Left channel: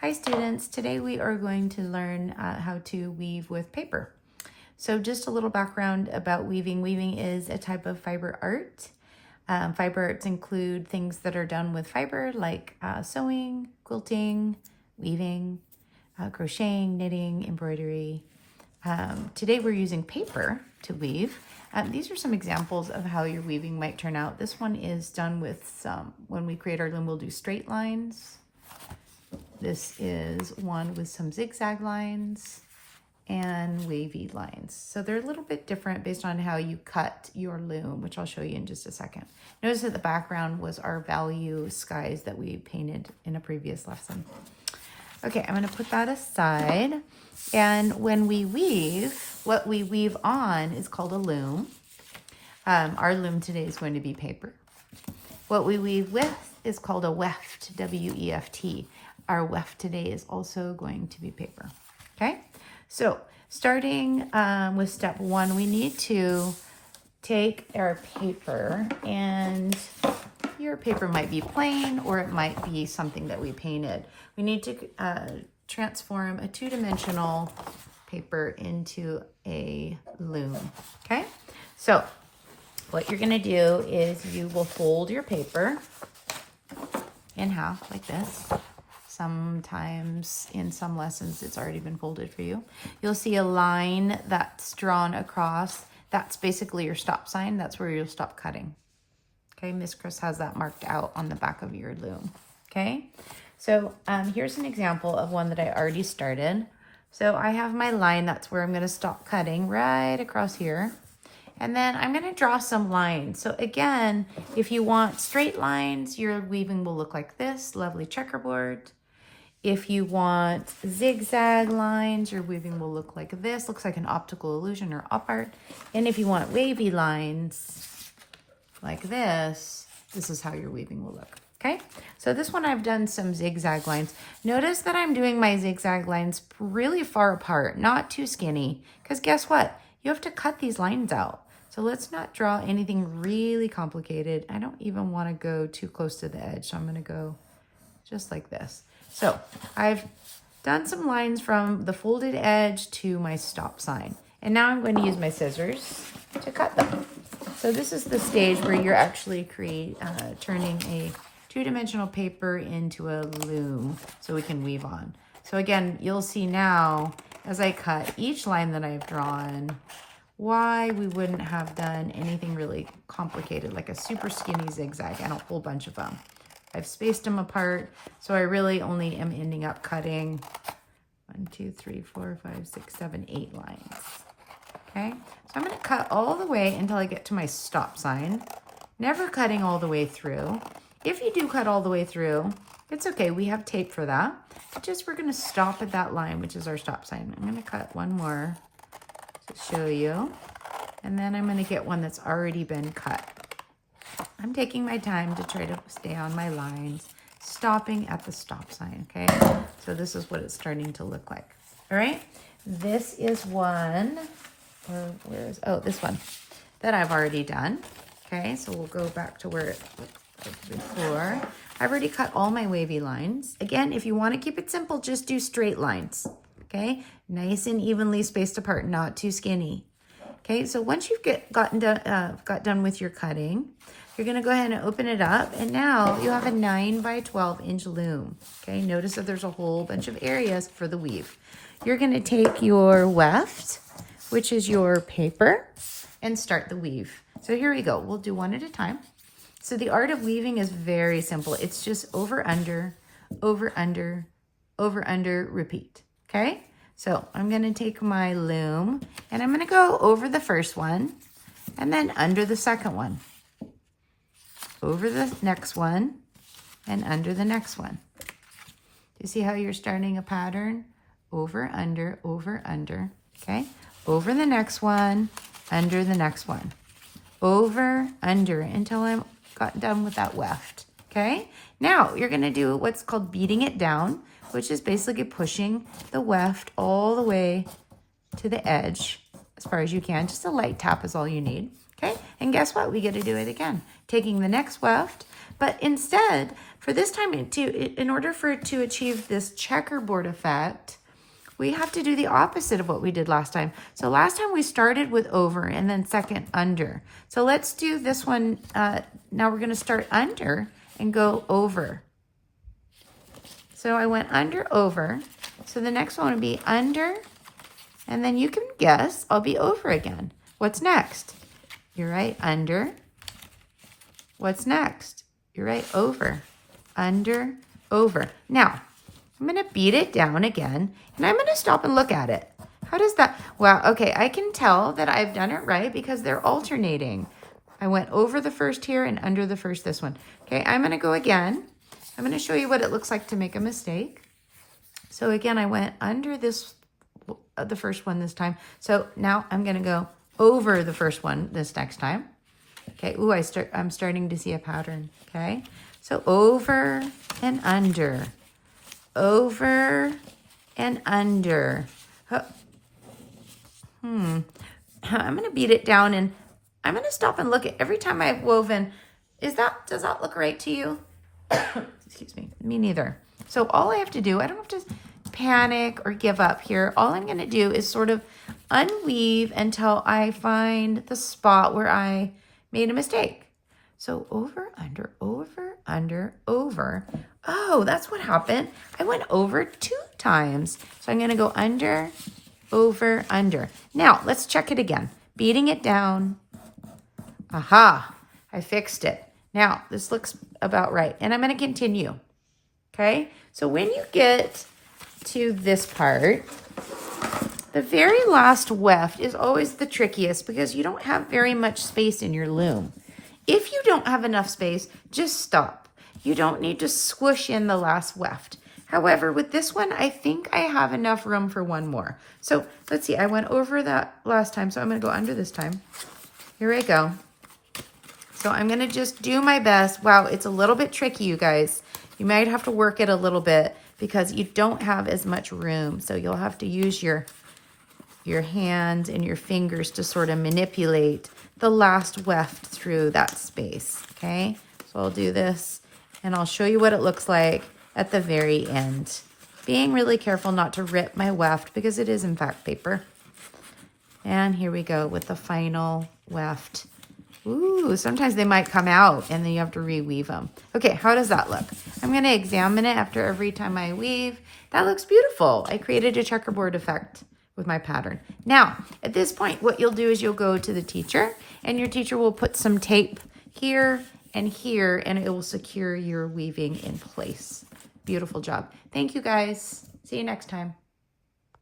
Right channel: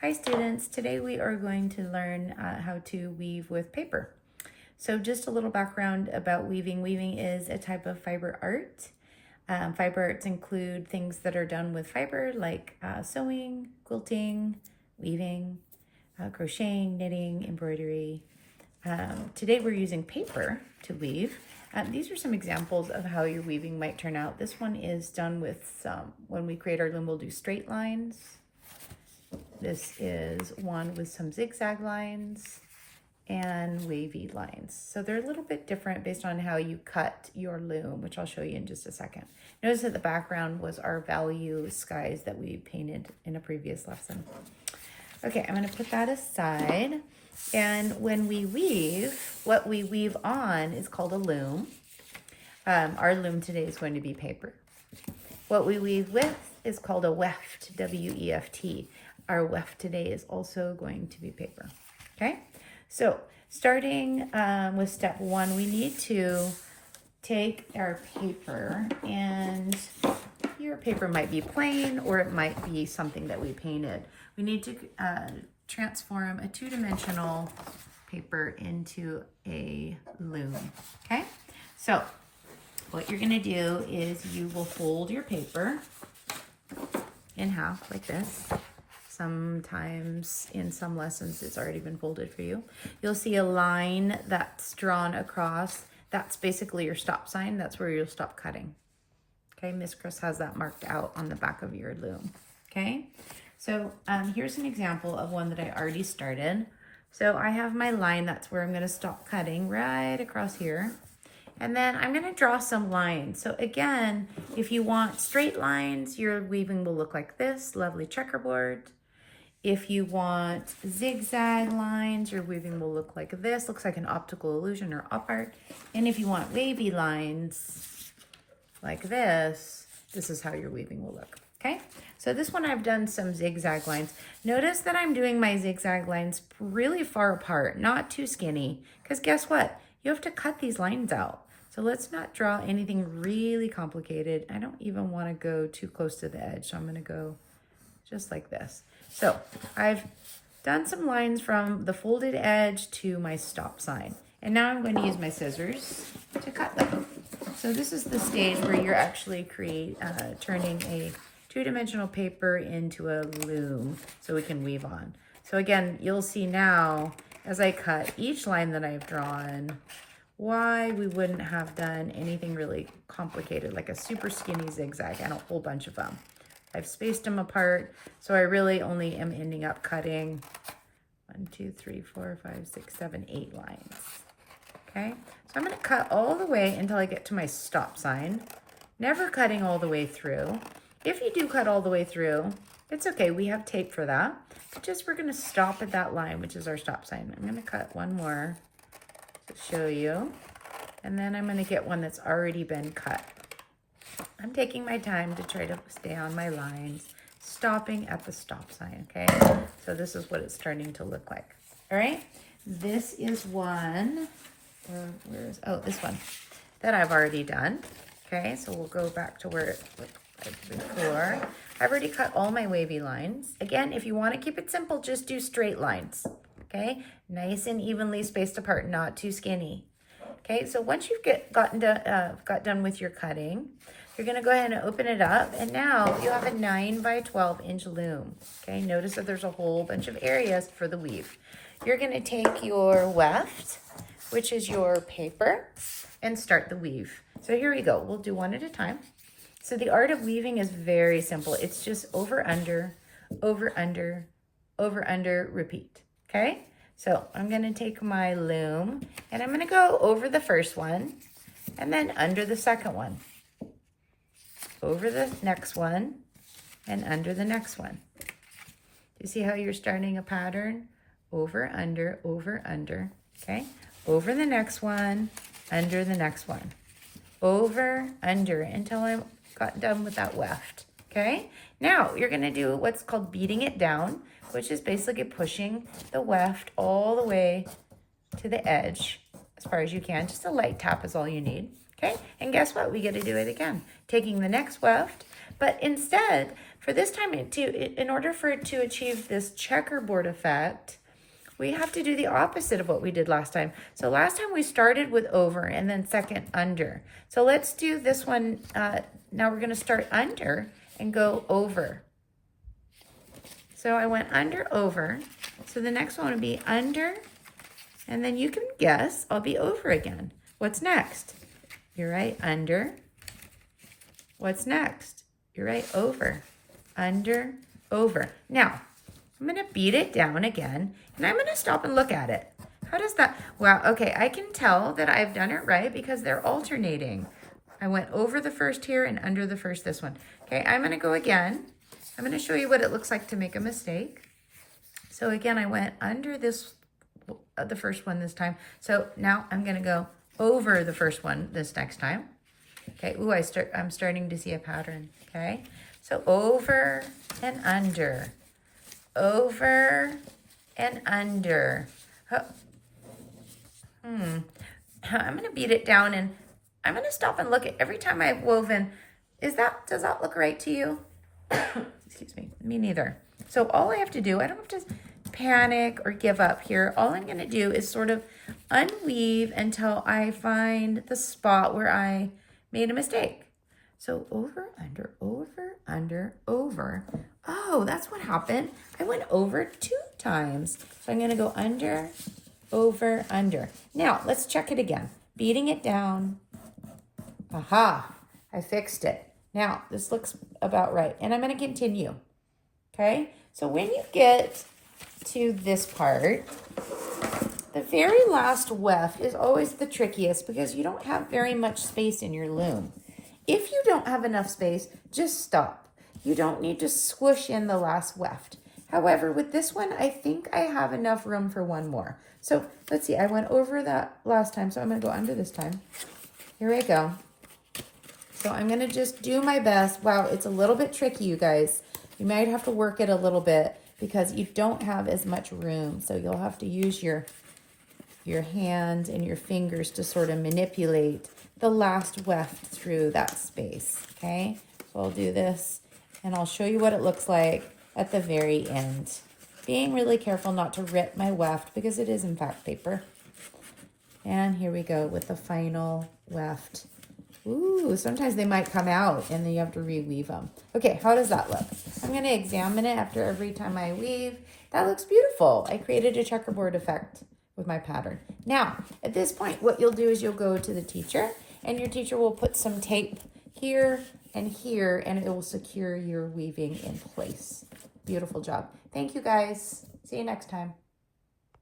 Hi students, today we are going to learn how to weave with paper. So just a little background about weaving. Weaving is a type of fiber art. Fiber arts include things that are done with fiber like sewing, quilting, weaving, crocheting, knitting, embroidery. Today we're using paper to weave. These are some examples of how your weaving might turn out. This one is done with when we create our loom, we'll do straight lines. This is one with some zigzag lines and wavy lines. So they're a little bit different based on how you cut your loom, which I'll show you in just a second. Notice that the background was our value skies that we painted in a previous lesson. Okay, I'm gonna put that aside. And when we weave, what we weave on is called a loom. Our loom today is going to be paper. What we weave with is called a weft, W-E-F-T. Our weft today is also going to be paper, okay? So starting with step one, we need to take our paper, and your paper might be plain or it might be something that we painted. We need to transform a two-dimensional paper into a loom, okay? So what you're gonna do is you will fold your paper in half like this. Sometimes in some lessons it's already been folded for you. You'll see a line that's drawn across. That's basically your stop sign. That's where you'll stop cutting. Okay, Miss Chris has that marked out on the back of your loom. Okay, so here's an example of one that I already started. So I have my line, that's where I'm gonna stop cutting right across here. And then I'm gonna draw some lines. So again, if you want straight lines, your weaving will look like this, lovely checkerboard. If you want zigzag lines, your weaving will look like this, looks like an optical illusion or op art. And if you want wavy lines like this is how your weaving will look, okay? So this one I've done some zigzag lines. Notice that I'm doing my zigzag lines really far apart, not too skinny, because guess what? You have to cut these lines out. So let's not draw anything really complicated. I don't even want to go too close to the edge, so I'm gonna go just like this. So I've done some lines from the folded edge to my stop sign. And now I'm going to use my scissors to cut them. So this is the stage where you're actually turning a two-dimensional paper into a loom so we can weave on. So again, you'll see now as I cut each line that I've drawn why we wouldn't have done anything really complicated like a super skinny zigzag and a whole bunch of them. I've spaced them apart, so I really only am ending up cutting 1, 2, 3, 4, 5, 6, 7, 8 lines. Okay, so I'm going to cut all the way until I get to my stop sign, never cutting all the way through. If you do cut all the way through, it's okay, we have tape for that. We're going to stop at that line, which is our stop sign. I'm going to cut one more to show you, and then I'm going to get one that's already been cut. I'm taking my time to try to stay on my lines, stopping at the stop sign, okay? So this is what it's starting to look like, all right? This is one, this one that I've already done, okay? So we'll go back to where it was before. I've already cut all my wavy lines. Again, if you want to keep it simple, just do straight lines, okay? Nice and evenly spaced apart, not too skinny. Okay, so once you've got done with your cutting, you're gonna go ahead and open it up, and now you have a 9 by 12 inch loom. Okay, notice that there's a whole bunch of areas for the weave. You're gonna take your weft, which is your paper, and start the weave. So here we go, we'll do one at a time. So the art of weaving is very simple. It's just over, under, over, under, over, under, repeat, okay? So I'm gonna take my loom, and I'm gonna go over the first one, and then under the second one, over the next one, and under the next one. You see how you're starting a pattern? Over, under, okay? Over the next one, under the next one. Over, under, until I got done with that weft, okay? Now, you're gonna do what's called beating it down, which is basically pushing the weft all the way to the edge as far as you can. Just a light tap is all you need, okay? And guess what? We get to do it again. Taking the next weft, but instead, for this time, in order for it to achieve this checkerboard effect, we have to do the opposite of what we did last time. So last time we started with over and then second under. So let's do this one. Now we're going to start under and go over. So I went under, over. So the next one would be under, and then you can guess, I'll be over again. What's next? You're right, under. What's next? You're right, over. Under, over. Now, I'm going to beat it down again, and I'm going to stop and look at it. How does that? Wow, okay, I can tell that I've done it right because they're alternating. I went over the first here and under the first this one. Okay, I'm going to go again. I'm going to show you what it looks like to make a mistake. So again, I went under this, the first one this time. So now I'm going to go over the first one this next time. Okay, ooh, I'm starting to see a pattern, okay? So over and under. Over and under. I'm going to beat it down, and I'm going to stop and look at every time I've woven. Does that look right to you? Excuse me. Me neither. So all I have to do, I don't have to panic or give up here. All I'm going to do is sort of unweave until I find the spot where I made a mistake. So over, under, over, under, over. Oh, that's what happened. I went over 2 times. So I'm going to go under, over, under. Now, let's check it again. Beating it down. Aha, I fixed it. Now, this looks about right. And I'm going to continue. Okay? So when you get to this part, the very last weft is always the trickiest because you don't have very much space in your loom. If you don't have enough space, just stop. You don't need to squish in the last weft. However, with this one, I think I have enough room for one more. So let's see, I went over that last time, so I'm going to go under this time. Here I go. So I'm going to just do my best. Wow, it's a little bit tricky, you guys. You might have to work it a little bit because you don't have as much room. So you'll have to use your hands and your fingers to sort of manipulate the last weft through that space, okay? So I'll do this, and I'll show you what it looks like at the very end. Being really careful not to rip my weft because it is, in fact, paper. And here we go with the final weft. Ooh, sometimes they might come out, and then you have to reweave them. Okay, how does that look? I'm going to examine it after every time I weave. That looks beautiful. I created a checkerboard effect with my pattern. Now, at this point, what you'll do is you'll go to the teacher, and your teacher will put some tape here and here, and it will secure your weaving in place. Beautiful job. Thank you, guys. See you next time.